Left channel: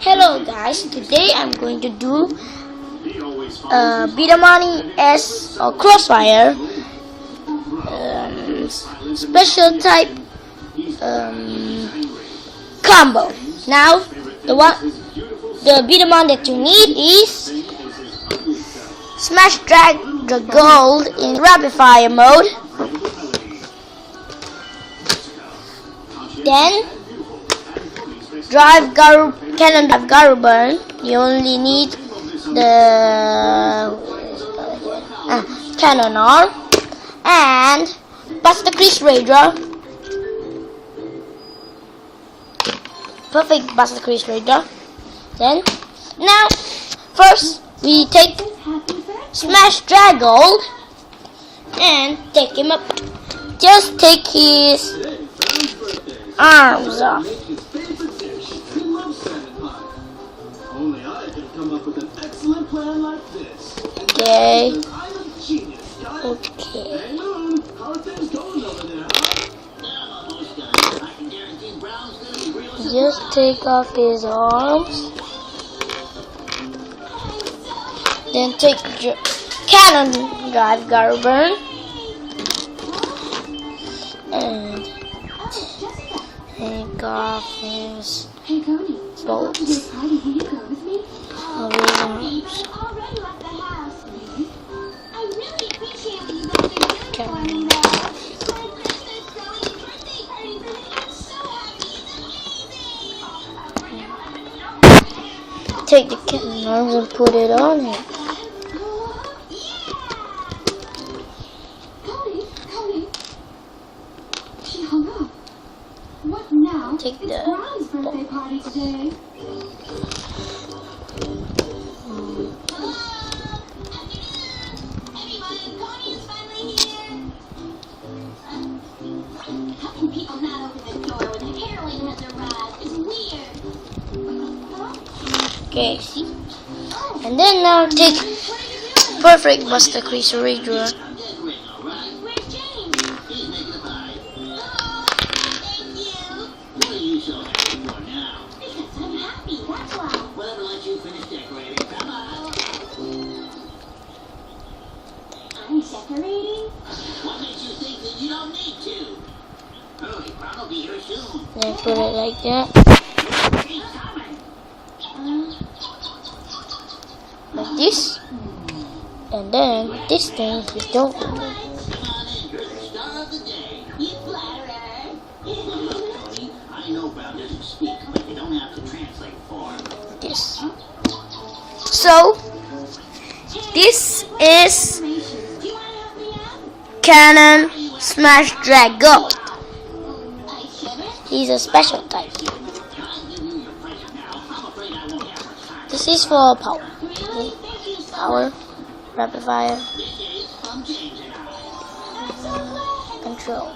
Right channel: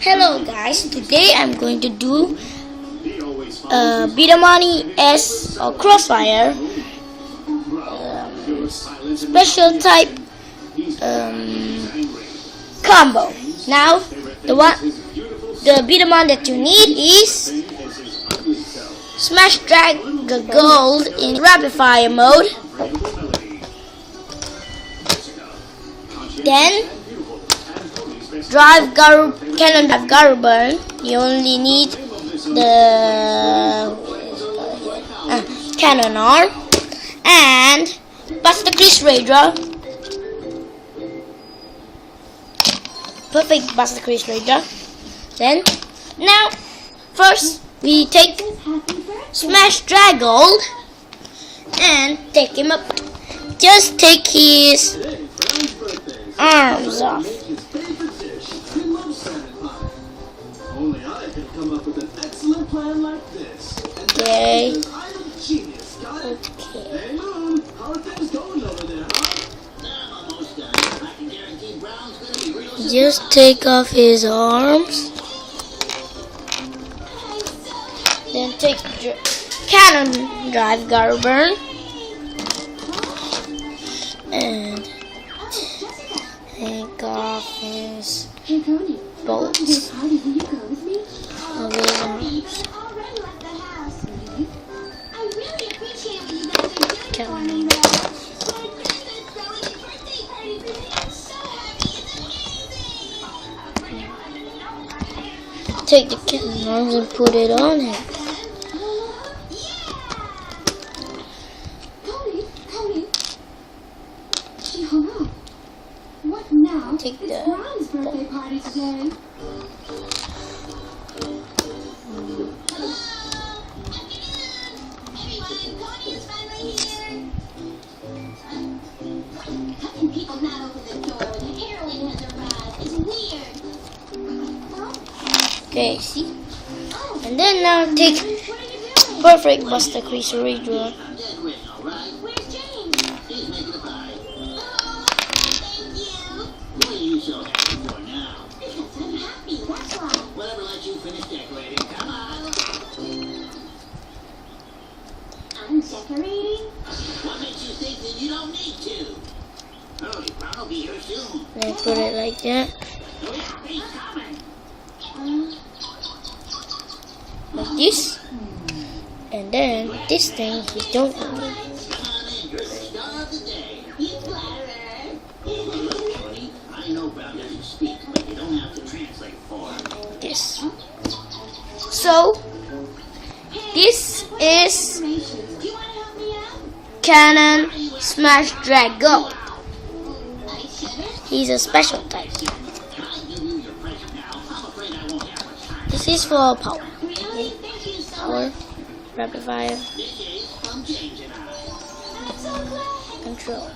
Hello guys, today I'm going to do Bidamani S or Crossfire special type combo. Now the Bidamon that you need is Smash Drag the Gold in Rapid Fire mode. Then Cannon Drive Garuburn. You only need the Cannon R and Buster Chris Raidra. Perfect Buster Chris Raidra. Then now first we take Smash Drag Gold and take him up. Just take his arms off. Okay. Just take off his arms. Then take Cannon Drive Garuburn and take off his bolts of his arms. Take the cannon arms and put it on him. Take the birthday party today. Okay, see? And then now take Perfect Buster Chris Raidra. I'm decorating? What makes you think that you don't need to? Hurry, I'll be here soon. Then put it like that. Like this. And then this thing you don't need. This. So this is Cannon Smash Drag Gold. He's a special type. This is for power. Power, rapid fire, control.